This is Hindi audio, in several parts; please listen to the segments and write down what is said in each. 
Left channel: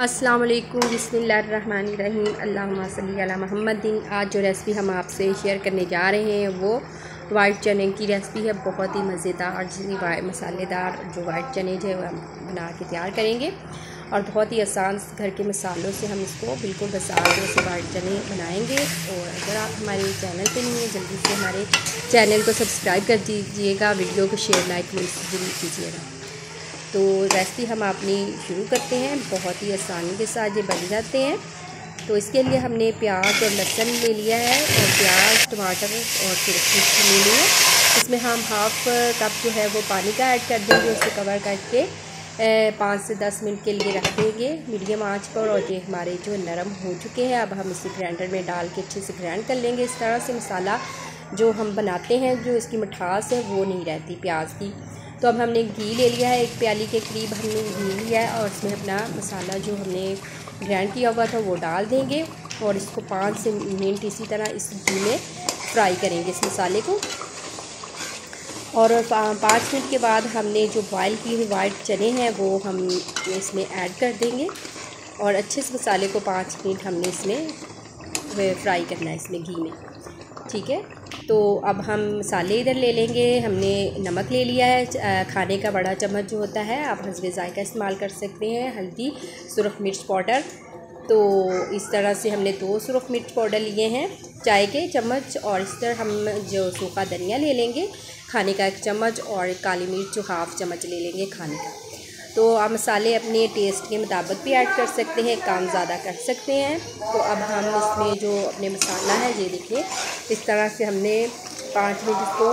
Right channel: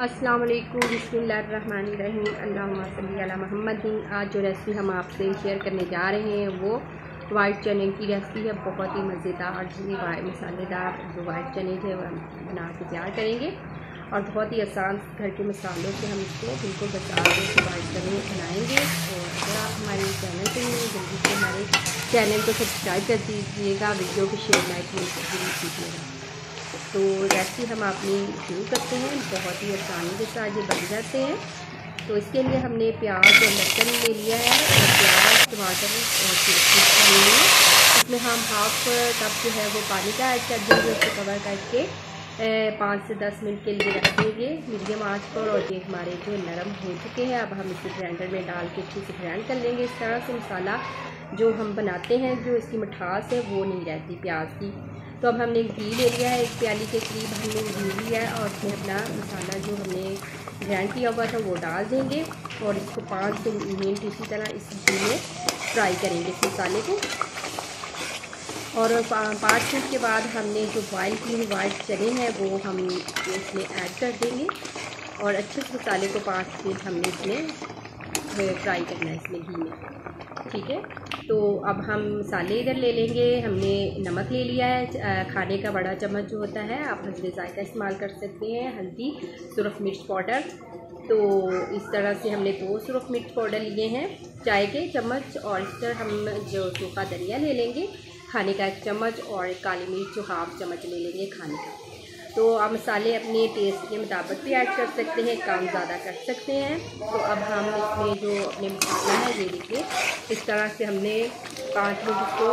अस्सलाम वालेकुम, बिस्मिल्लाहिर्रहमानिर्रहीम, अल्लाहुम्मा सल्ली अला मुहम्मदिन। आज जो रेसिपी हम आपसे शेयर करने जा रहे हैं वो वाइट चने की रेसिपी है। बहुत ही मज़ेदार मसालेदार जो वाइट चने जो हम बना के तैयार करेंगे और बहुत ही आसान घर के मसालों से हम इसको बिल्कुल आसान से वाइट चने बनाएंगे। और अगर आप हमारे चैनल पर नहीं हैं जल्दी से हमारे चैनल को सब्सक्राइब कर दीजिएगा, वीडियो को शेयर लाइक जरूर कीजिएगा। तो रेसिपी हम अपनी शुरू करते हैं। बहुत ही आसानी के साथ ये बन जाते हैं। तो इसके लिए हमने प्याज और लहसुन ले लिया है और प्याज टमाटर और मिर्च ले लिया। इसमें हम हाफ़ कप जो है वो पानी का ऐड कर देंगे। उसको कवर करके 5 से 10 मिनट के लिए रख देंगे मीडियम आंच पर। और ये हमारे जो नरम हो चुके हैं, अब हम इसे ग्राइंडर में डाल के अच्छे से ग्राइंड कर लेंगे। इस तरह से मसाला जो हम बनाते हैं, जो इसकी मिठास है वो नहीं रहती प्याज की। तो अब हमने घी ले लिया है, 1 प्याली के करीब हमने घी लिया है और इसमें अपना मसाला जो हमने ग्राइंड किया हुआ था वो डाल देंगे और इसको 5 से मिनट इसी तरह इस घी में फ्राई करेंगे इस मसाले को। और 5 मिनट के बाद हमने जो बॉयल किए हुए वाइट चने हैं वो हम इसमें ऐड कर देंगे और अच्छे से मसाले को 5 मिनट हमने इसमें फ्राई करना है इसमें घी में, ठीक है। तो अब हम मसाले इधर ले लेंगे। हमने नमक ले लिया है, खाने का बड़ा चम्मच जो होता है, आप हस्बे ज़ायका इस्तेमाल कर सकते हैं। हल्दी, सुरख मिर्च पाउडर, तो इस तरह से हमने 2 सुरख मिर्च पाउडर लिए हैं चाय के चम्मच। और इस तरह हम जो सूखा धनिया ले लेंगे खाने का 1 चम्मच और काली मिर्च जो हाफ़ चम्मच ले लेंगे खाने का। तो आप मसाले अपने टेस्ट के मुताबिक भी ऐड कर सकते हैं, काम ज़्यादा कर सकते हैं। तो अब हम इसमें जो अपने मसाला है ये देखिए इस तरह से हमने 5 मिनट इसको,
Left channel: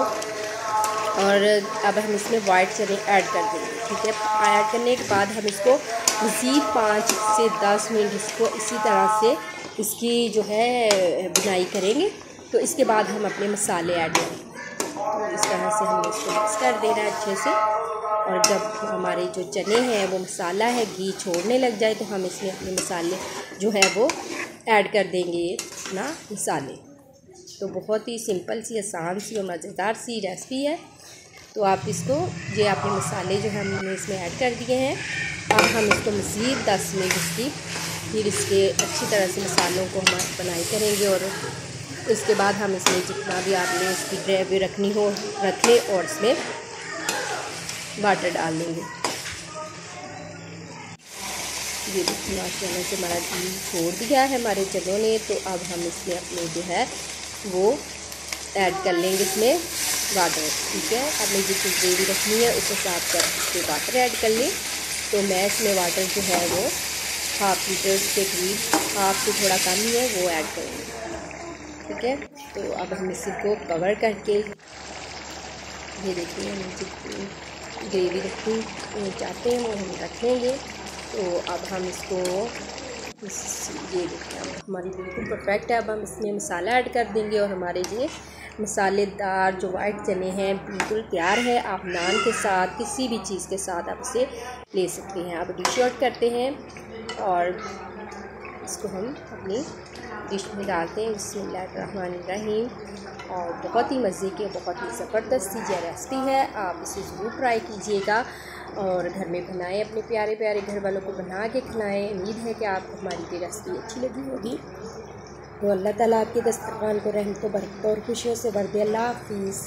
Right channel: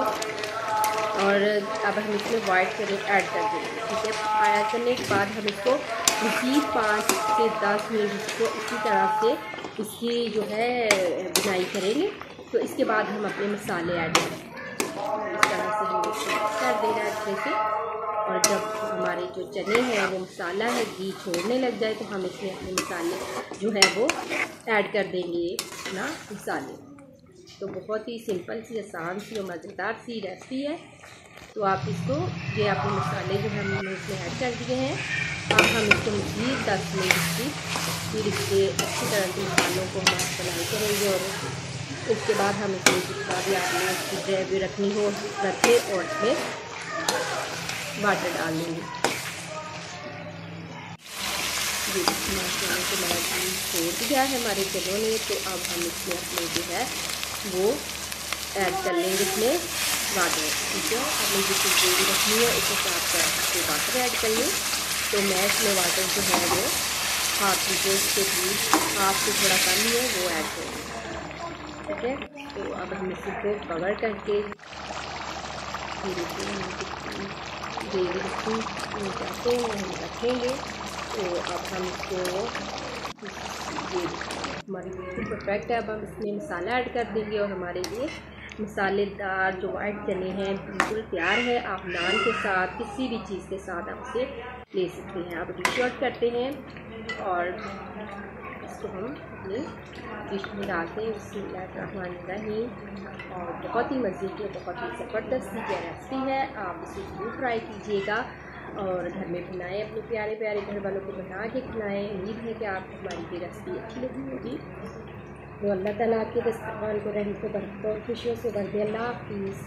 और अब हम इसमें वाइट चने ऐड कर देंगे, ठीक है। ऐड करने के बाद हम इसको मज़ीद 5 से 10 मिनट इसको इसी तरह से इसकी जो है बुनाई करेंगे। तो इसके बाद हम अपने मसाले ऐड करेंगे। इस तरह से हमने इसको मिक्स कर देना है अच्छे से। और जब हमारे जो चने हैं वो मसाला है घी छोड़ने लग जाए तो हम इसमें अपने मसाले जो है वो ऐड कर देंगे ना मसाले। तो बहुत ही सिंपल सी, आसान सी और मज़ेदार सी रेसिपी है। तो आप इसको ये आपके मसाले जो हमने इसमें ऐड कर दिए हैं, अब हम इसको मज़ीद 10 मिनट इसकी फिर इसके अच्छी तरह से मसालों को हम बनाई करेंगे। और इसके बाद हम इसमें जितना भी आपने इसकी ग्रेवी रखनी हो रखें और इसमें वाटर डाल देंगे। ये चने को हमारा घी छोड़ दिया है हमारे चनों ने। तो अब हम इसमें अपने जो है वो ऐड कर लेंगे इसमें वाटर, ठीक है। आपने जितनी ग्रेवी रखनी है उस हिसाब से इसमें वाटर ऐड कर लें। तो मैं इसमें वाटर जो है वो हाफ़ लीटर के करीब, हाफ से थोड़ा कम ही है, वो ऐड करेंगे, ठीक है। तो अब हम इसी को कवर करके ये देखिए हम जितनी ग्रेवी रखनी चाहते हैं वो हम रखेंगे। तो अब हम इसको ये देखिए हमारी बिल्कुल परफेक्ट है। अब हम इसमें मसाला ऐड कर देंगे और हमारे ये मसालेदार जो वाइट चने हैं बिल्कुल तैयार है। आप नान के साथ किसी भी चीज़ के साथ आप इसे ले सकते हैं। आप डिश आउट करते हैं और इसको हम अपनी डिश में डालते हैं। बिस्मिल्लाहिर्रहमानिर्रहीम। और बहुत ही मज़े की, बहुत ही ज़बरदस्त सी रेसिपी है। आप इसे ज़रूर ट्राई कीजिएगा और घर में बनाएं, अपने प्यारे प्यारे घर वालों को बना के खिलाएं। उम्मीद है कि आपको हमारी ये रेसिपी अच्छी लगी होगी। तो अल्लाह ताला आपके दस्तरखान को रहमत, बरकत और खुशियों से भर दे। अल्लाह हाफ़िज़।